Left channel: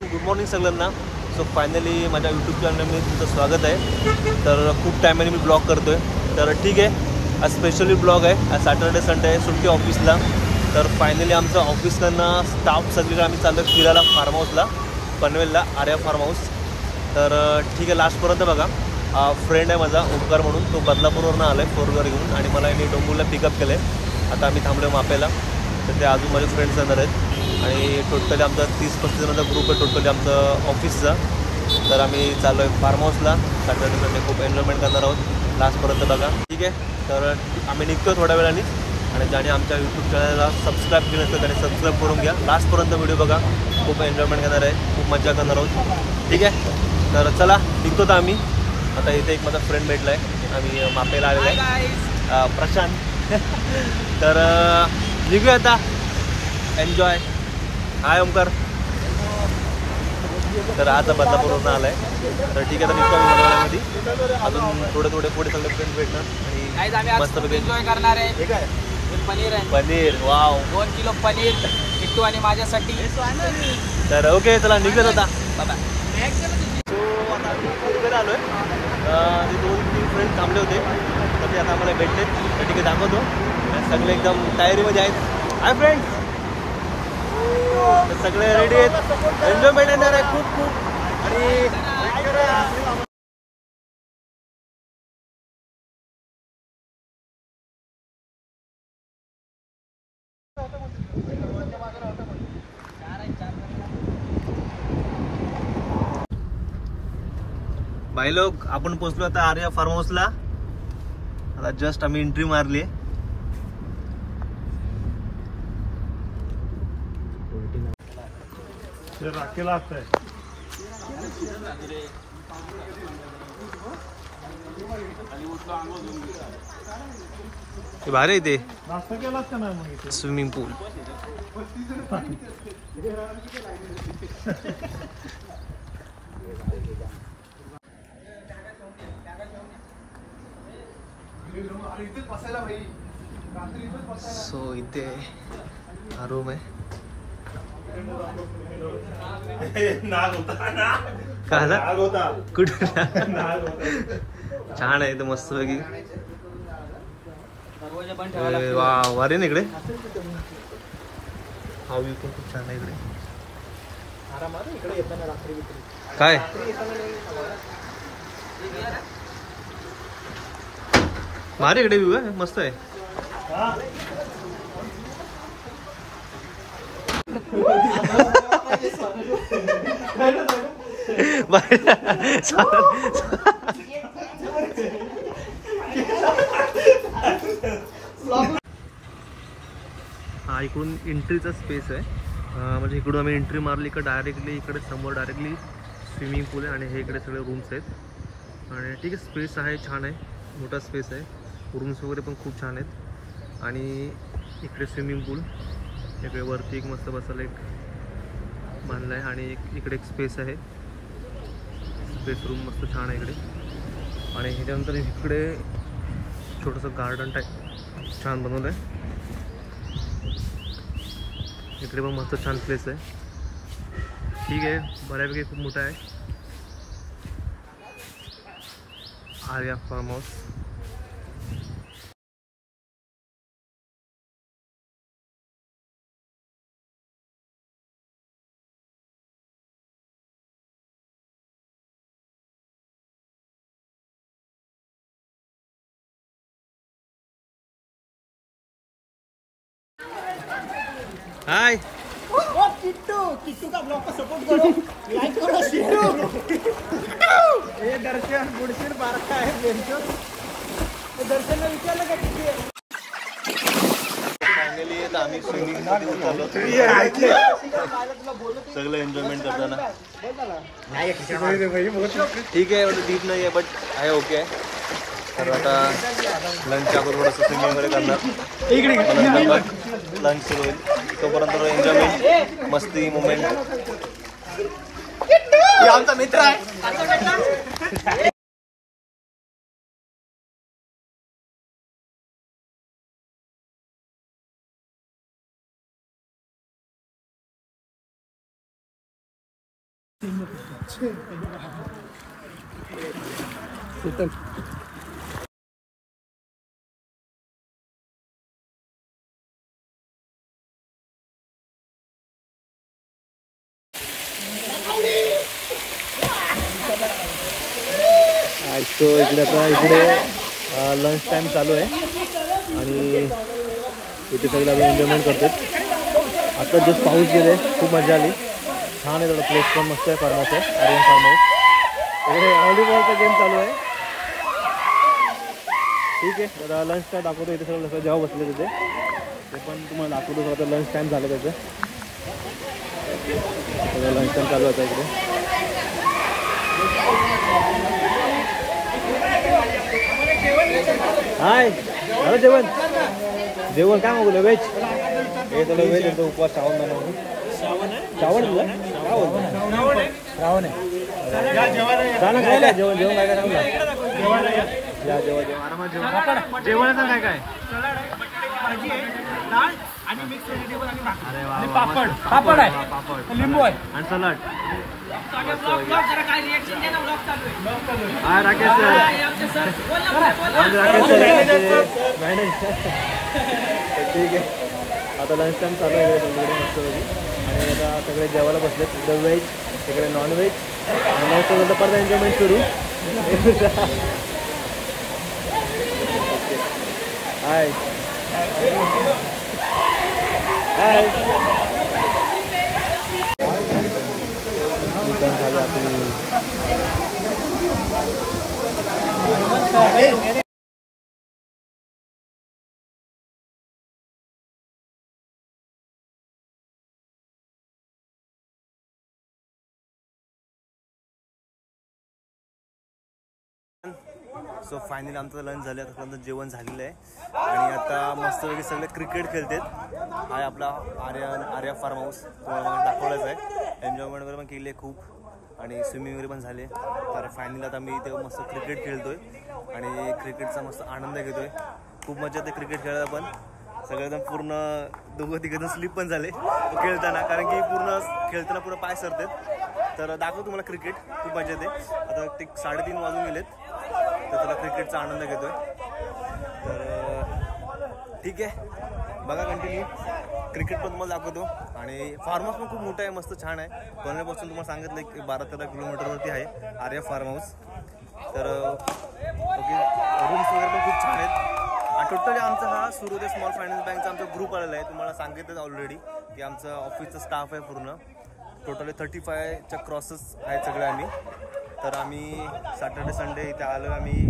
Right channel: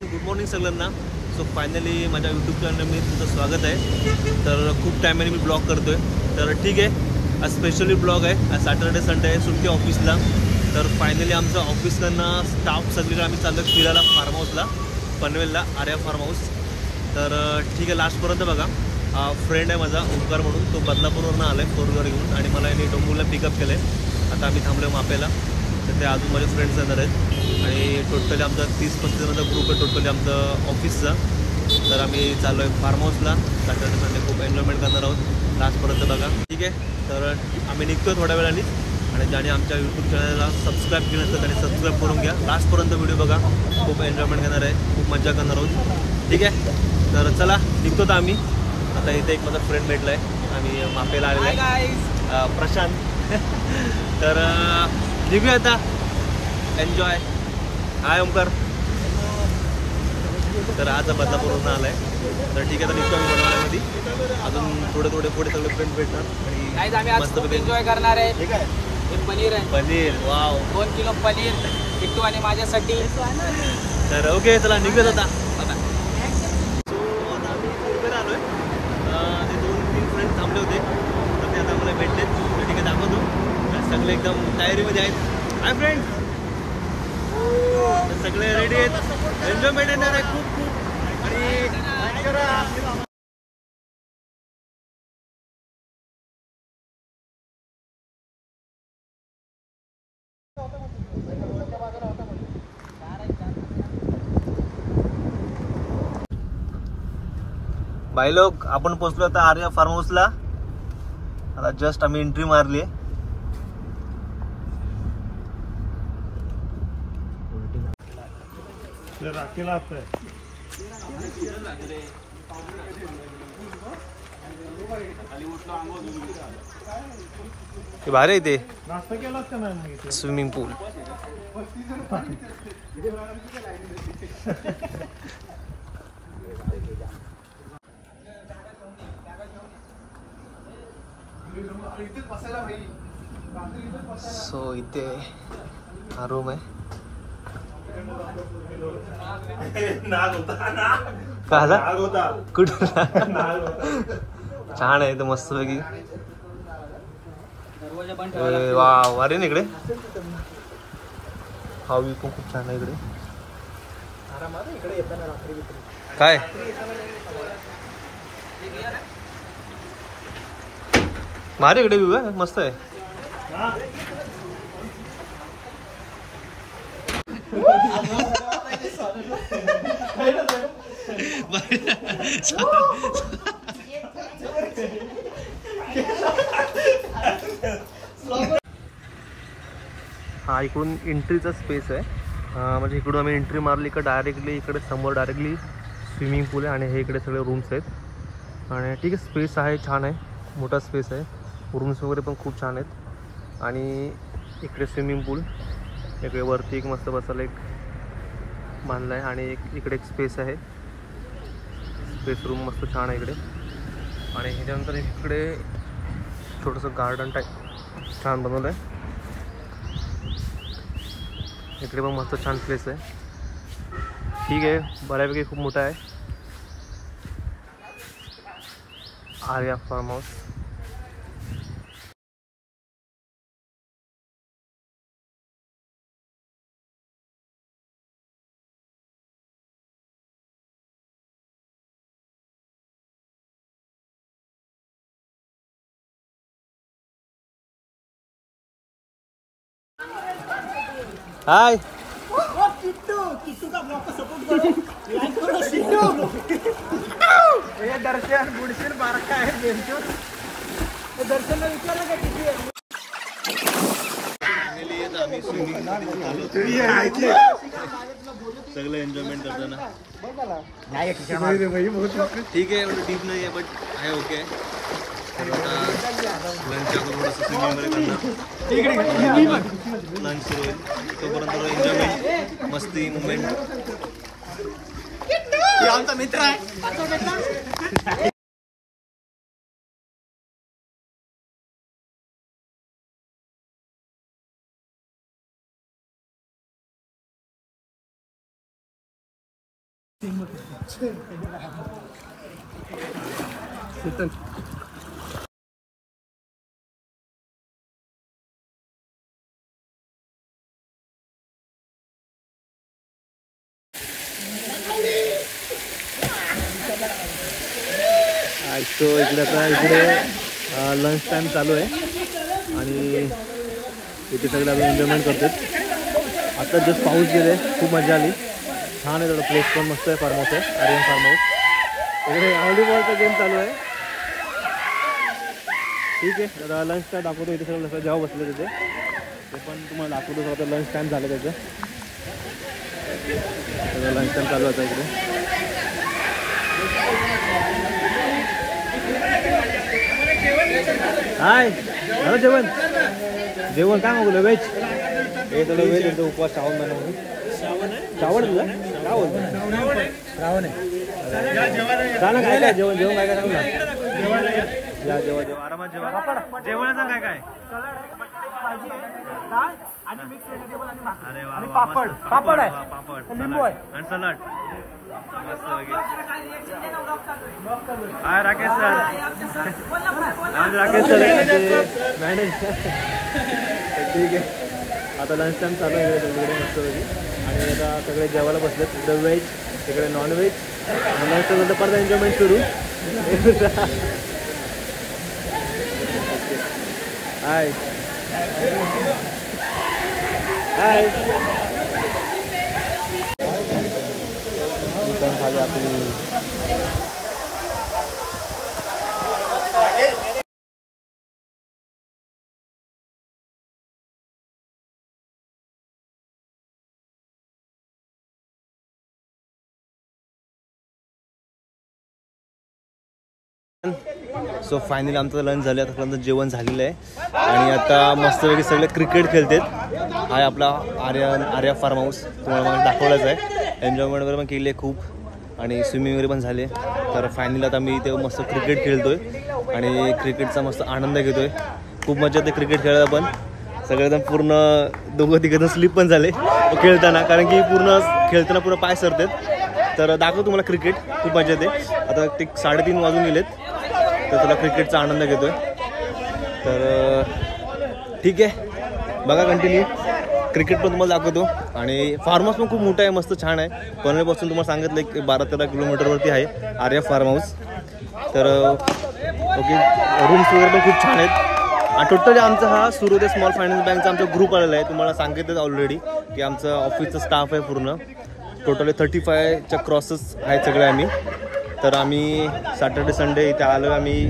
Good morning सगळ्यांना. So finally माझ्या YouTube चॅनलला मी तुमचं स्वागत आहे. तर खूप टायमाने मी ब्लॉग करतो आहे. तर ठीक आहे, आज स्पेशली ब्लॉग आहे. आज सॅटर्डे संडे आहे, सुट्टी ऑफिसला. तर फायनली आमचं ऑफिसकडनं स्टाफ सगळीकडे आम्ही चाललो आहे फिरायला फार्म हाऊसला, पनवेलला आर्या फार्म हाऊस. तर ठीक आहे, लास्टपर्यंत बघा. फ्रेंड आहे माझा ओमकार म्हणून, तो बदलापूरवरून आला आहे 4 व्हीलर घेऊन आणि मला याने डोंबूरला पिकअप केलं आहे. आता आम्ही थांबलो मापेला. तर ते अजून माझे फ्रेंड्स येणार आहेत आणि टोटली आमचा 30-35 जणांचा ग्रुप आहे टोटली आमचं ऑफिसचा. तर आम्ही चाललो आहे फार्म हाऊसला. सॅटर्डे संडे खूप एन्जॉयमेंट करणार आहोत. लास्टपर्यंत बघा, ठीक आहे. तर आम्ही निघतो थोड्या वेळाने आणि ज्याने आमच्या यूट्यूब चॅनलला सबस्क्राईब केलं नसतं त्याने सबस्क्राईब करून घ्या. लास्टपर्यंत व्हिडिओ बघा, खूप एन्जॉयमेंट करणार आहे, खूप मजा करणार आहोत, ठीक आहे. तर चला निघतो तर आम्ही. आता इथे एक माझा फ्रेंड भेटला आहे, आम्ही मापेला आलेला आहे, प्रशांत. तर निघूया आता, एन्जॉय. हाय ओमकार. तर आज बदलापूरवरून आलाय. तर ठीक आहे, आता निघतो आम्ही थोड्या वेळामध्ये. अजून थोडे पुढे सगळे फ्रेंड्स भेटणार आणि मस्तपैकी एन्जॉय करणार आहे. पनीर आहे, पनीर. वाव, 2 किलो पनीर किट्टू आणि माझ्यासाठी. तर ओके, चला निघूयात आता. बाबा. सो आता आम्ही कुरबेला आलो आहे. ते 2-3 फ्रेंड्स थांबले होते, तर ते आता आम्हाला भेटलेत. तर ठीक आहे, दाखवतो. आणि सगळे एकदम तयारीमध्ये आहेत. Hi friends. तर सगळे रेडी आहेत, एन्जॉयमेंट येणार आहे खूप खूप. आणि भाई लोक, आपण पोहोचलो आता आर्या फार्म हाऊसला. आता जस्ट आम्ही एंट्री मारली. भारी आहे ते स्विमिंग पूल. सो इथे हा रूम आहे. कुठे छान आहे इथं मस्त पैकी. वा, वारे ना इकडे. हा व्ह्यू पण खूप छान आहे इकडे. काय भारी इकडे व्ह्यू आहे, मस्त आहे. हा इकडून एंट्रीचा स्पेस आहे. म्हणजे इकडून आम्ही एंट्री मारली का डायरेक्टली इकडे समोर डायरेक्टली स्विमिंग पूल आहे आणि हे इकडे सगळे रूम्स आहेत. आणि ठीक आहे, स्पेस आहे, छान आहे, मोठा स्पेस आहे. रूम्स वगैरे पण खूप छान आहेत. आणि इकडे स्विमिंग पूल, इकडे वरती एक मस्त बसायला एक बांधला आहे आणि इकडे एक स्पेस आहे, स्पेस रूम मस्त छान आहे इकडे. आणि ह्याच्यानंतर इकडे छोटंसं गार्डन टाईप छान बनवलं आहे. इकडे पण मस्त छान प्लेस आहे, ठीक आहे, बऱ्यापैकी खूप मोठा आहे आर्या फार्म हाऊस. हाय किट्टू का ब्लॉग को सपोर्ट करो, लाइक करो, किट्टू. ये दर्शन गुडशील बारका आहे. दर्शन ने विचारलं का किती आहे. फायनली आम्ही स्विमिंग चाललो, सगळं एन्जॉयमेंट करताना. ठीक आहे, एवढं डीप नाही आहे बट आहे, ओके आहे. तर आता लंच आपण थोडंसं स्विमिंग वगैरे करणार. लंच सुरू होईल तोपर्यंत एन्जॉयमेंट, मस्ती, मुमेंट. आमचा मित्र आहे. सो इकडे आता इकडे लंच टाईम चालू आहे आणि इथे सगळे आपण एन्जॉयमेंट करतात. आता जस्ट पाऊस गेले, खूप मजा आली, छान आहे. थोडं प्लेस पण मस्त आहे, फार्म हाऊस आहे, आर्यन फार्म हाऊस. इकडे व्हॉलीबॉलचा गेम चालू आहे. ठीक आहे, आता लंच काय दाखवतो. इथे सगळं जेव्हा बसले तिथे ते पण तुम्हाला दाखवतो. आता लंच टाईम झालं त्याचं, सगळं लंच टाईम चालू होता इकडे. हाय, झालं जेवण? जेवण काय मागवलं? व्हेज. हे तुला व्हेज होतं, उपवास श्रावण महिना म्हणून. श्रावण तुला काय बोलतो? श्रावण आहे. सांग काय काय जेवण? जेवण काय काय सांग ना. या जेवण जेवण आरामात जेवण. जेवण सांग काय काय? अरे वा वा, मस्त. पापड आहे, पापड, लिंबू आहे आणि सलाड. हाय राकेश सर. राकेश सर ठीक आहे. आता लंच टाईम चालू आहे सगळीकडे मस्तपैकी आणि आता सगळे जेवायला बसलेत. इकडे व्हेज, तिकडे नॉनव्हेज. लंच नंतर परत एन्जॉयमेंट करू. हाय हाय. झाली आपली. सो फायनली आमचं लंच झालं, आतापर्यंत जेवण झालेलं आहे आणि आता मस्तपैकी सगळे क्रिकेट खेळतात. हा आपला आर्या फार्म हाऊस तुम्हाला मला दाखवलाच आहे. एन्जॉयमेंट वगैरे पण केली आहे खूप आणि स्विमिंग वगैरे पण झाले. तर फायनली आता मी इथे मस्त क्रिकेट खेळतोय आणि क्रिकेटचा मस्त आनंद घेतोय. खूप मजा येते क्रिकेट खेळायला पण. सगळेजण पूर्ण दोघं तिघं स्लिप पण झाले खेळताना, कारण की पूर्ण खेळताना पूर्ण पाय सरतात. तर दाखवतो तुम्हाला क्रिकेट, खूप मजा येते. आता ते 3:30 वाजून गेलेत, तर तुला क्रिकेटचा आनंद घेतोय. तर ठीक आहे, बघा कंटिन्यू. क्रिकेट पण तुम्हाला दाखवतो आणि फार्म हाऊस पण खूप मोठं आहे, मस्त छान आहे. पनवेलपासून तुम्हाला सांगितलं एक 12-13 किलोमीटरवरती आहे आर्या फार्म हाऊस. तर ओके, रूम्स वगैरे पण खूप छान आहेत. आणि टोटली आमचा हा सूर्योदय स्मॉल फायनान्स बँकचा आमचा ग्रुप आलेला आहे. तुम्हाला सांगितलं ऑलरेडी की आमचं ऑफिसचं स्टाफ आहे पूर्ण. टोटली 35च्या क्रॉसेस आहेत सगळे आम्ही. तर आम्ही सॅटर्डे संडे इथे आलो आम्ही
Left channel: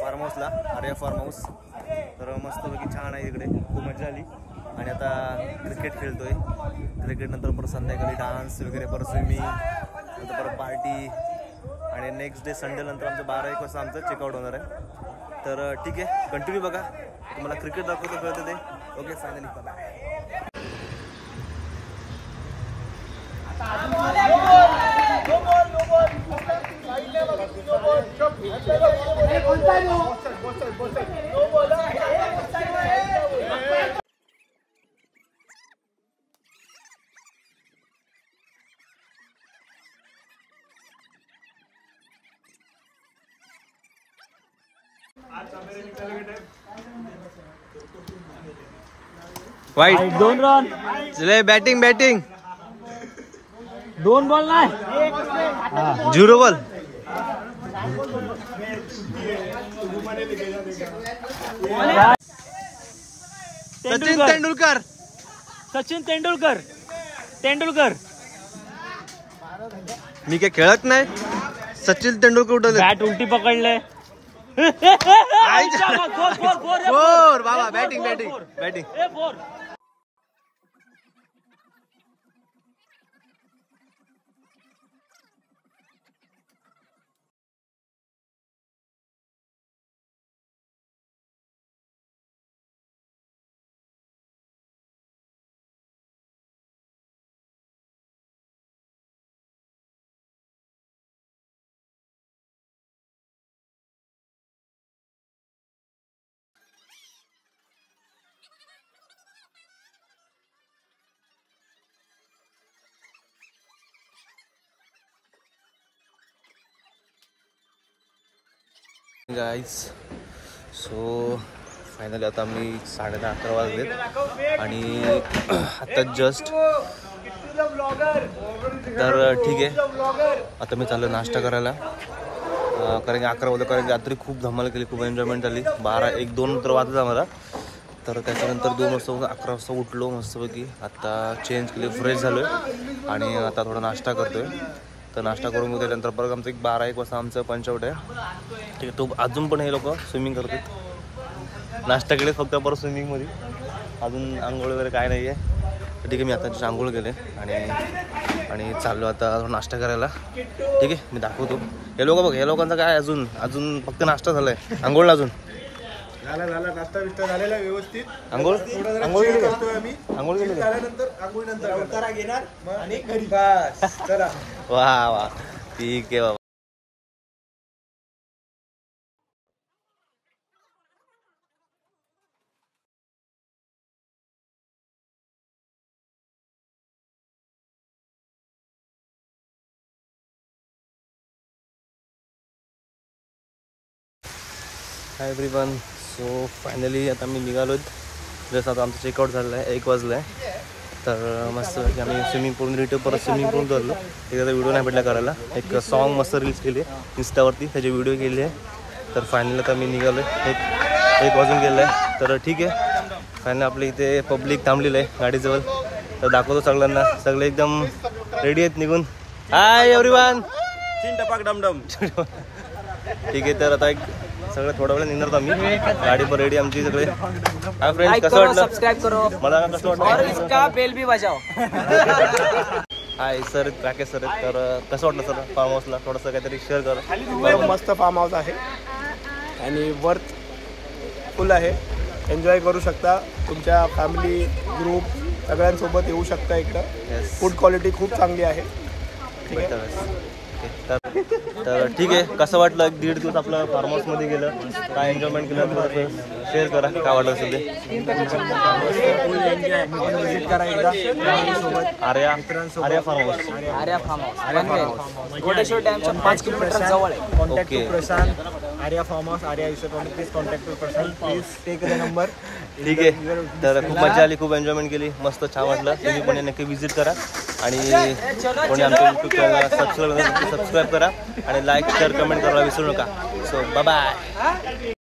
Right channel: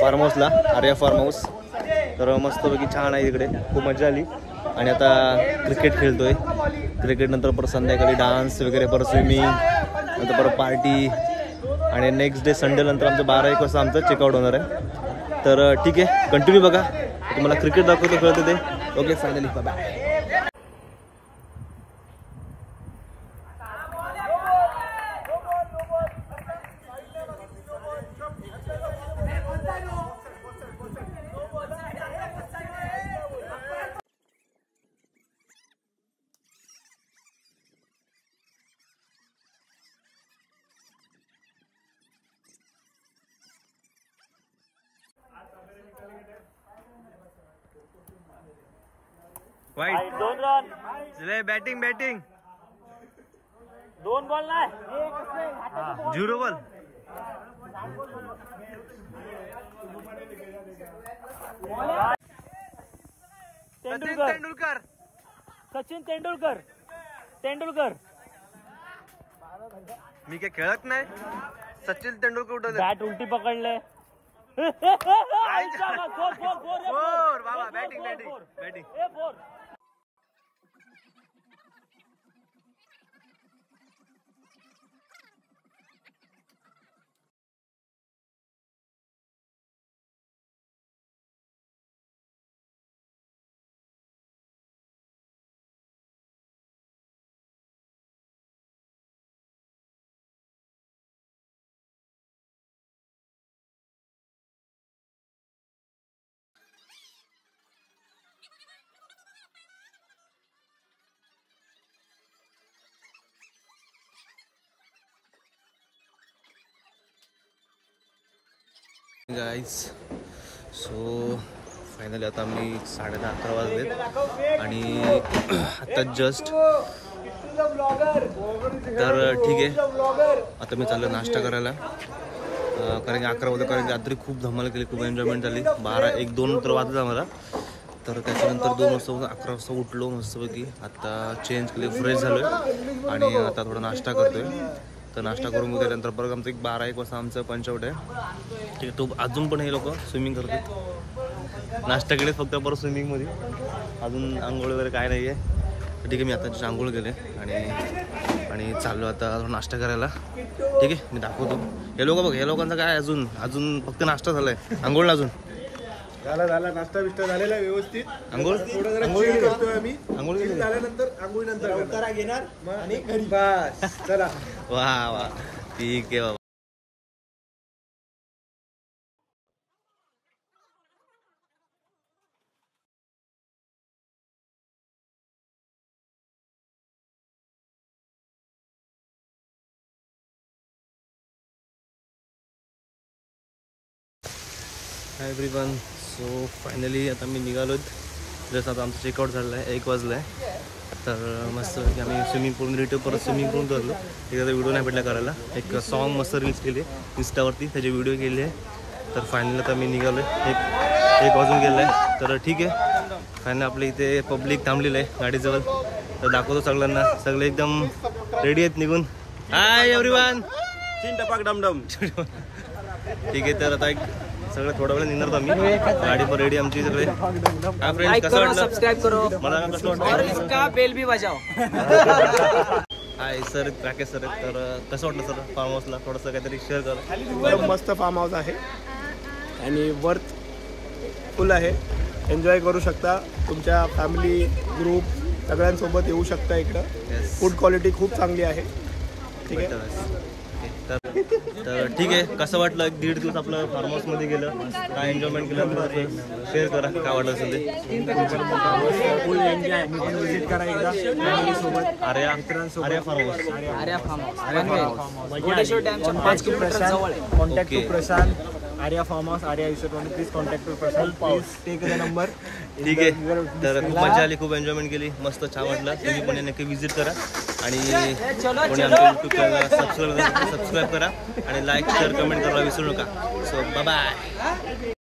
फार्म हाऊसला, आर्या फार्म हाऊस. तर मस्तपैकी छान आहे इकडे, खूप मजा आली. आणि आता क्रिकेट खेळतोय. क्रिकेट नंतर परत संध्याकाळी डान्स वगैरे, परत स्विमिंग, नंतर परत पार्टी आणि नेक्स्ट डे संडे नंतर आमचं 12-1 वाजता आमचं चेकआउट होणार आहे. तर ठीक आहे, कंटिन्यू बघा, तुम्हाला क्रिकेट दाखवतो कळतं ते. Okay, finally bye. Wide 2 run. चले बॅटिंग 2 बॉल नाही, 0 बॉल. सचिन तेंडुलकर. सचिन तेंडुलकर. तेंडुलकर मी काय खेळत नाही. सचिन तेंडुलकर उठवले, बॅट उलटी पकडले. फोर बाबा. Batting batting batting. Guys. So finally आता मी 10:30-11 वाजलेत आणि आता जस्ट तर ठीक आहे. आता मी चाललो नाश्ता करायला, कारण की 11 वाजता, कारण की रात्री खूप धमाल केली, खूप एन्जॉयमेंट झाली. 12-1-2 तर वाजलं आम्हाला. तर त्याच्यानंतर 2 वाजता 11 वाजता उठलो मस्तपैकी. आता चेंज केली, फ्रेश झालो आहे आणि आता थोडा नाश्ता करतो आहे. तर नाश्ता करून मग त्याच्यानंतर परत आमचं 12-1 वाजता आमचं पंचआउट आहे. ठीक आहे. तो अजून पण हे लोक स्विमिंग करतात. नाश्ता केले फक्त परत स्विमिंगमध्ये, अजून आंघोळ वगैरे काय नाही आहे. तर ठीक आहे, मी आता आंघोळ केले आणि चाललो आता नाश्ता करायला. ठीक आहे, मी दाखवतो. हे लोक बघ, हे लोकांचं काय अजून फक्त नाश्ता झालाय, आंघोळला अजून झाला नाश्ता बिष्टा झालेला व्यवस्थित. आंघोळ करतोय आम्ही. आंघोळ केली झाल्यानंतर आंघोळीनंतर अवतारा घेणार आणि घरी बस. चला. वा ठीक आहे बाबा. Hi everyone. सो फायनली आता मी निघालो आहेत. जसं आता आमचं चेकआउट झालेलं आहे, 1 वाजलं आहे. तर मस्त की आम्ही स्विमिंग पूल रिटर्न परत स्विमिंग पूल करलो. एखादा व्हिडिओ नाही भेटला करायला. एक सॉन्ग मस्त रील्स केली आहे इन्स्टावरती, त्याचे व्हिडिओ केले आहे. तर फायनली आता मी निघालो आहे, एक वाजून गेलं आहे. तर ठीक आहे, फायनली आपल्या इथे पब्लिक थांबलेलं आहे गाडीजवळ. तर दाखवतो सगळ्यांना, सगळे एकदम रेडी आहेत निघून. Hi everyone. टपाक डमडम. ठीक आहे, तर आता एक सगळं थोडा वेळ निघणार आम्ही. गाडी पण रेडी आमची सगळे. हाय फ्रेंड्स, कसं वाटलं? सब्सक्राइब करो मला कसं वाटलं? और इसका बेल भी बजाओ. हाय सर, राकेश सर आहेत. तर कसं वाटलं सर फार्म हाऊसला? थोडंसं काहीतरी शेअर करा. मस्त फार्म हाऊस आहे आणि वर्थ फुल आहे. एन्जॉय करू शकता, तुमच्या फॅमिली ग्रुप सगळ्यांसोबत येऊ शकता इकडं. येस, फूड क्वालिटी खूप चांगली आहे. बेटर. तर ठीक आहे, कसं वाटलं? 1.5 दिवस आपलं फार्म हाऊसमध्ये गेलं, काय एन्जॉयमेंट केलं थोडंसं शेअर करा, काय वाटलं असेल ते. विजिट करा एकदा सोबत. Arya farm house. Arya farm house Ghodeshwar डॅमच्या 5 किलोमीटर जवळ आहे. Contact Okay. To Prashant, Arya farm house, Arya विश्वटवाणी. Please contact to Prashant, please take the number. ठीक आहे, तर खूप मजा आली, खूप एन्जॉयमेंट केली, मस्त छान वाटलं. तुम्ही पण नक्की विजिट करा आणि कोणी आमच्या यूट्यूब चॅनलला सबस्क्राईब करा आणि लाईक शेअर कमेंट करायला विसरू नका. So bye bye.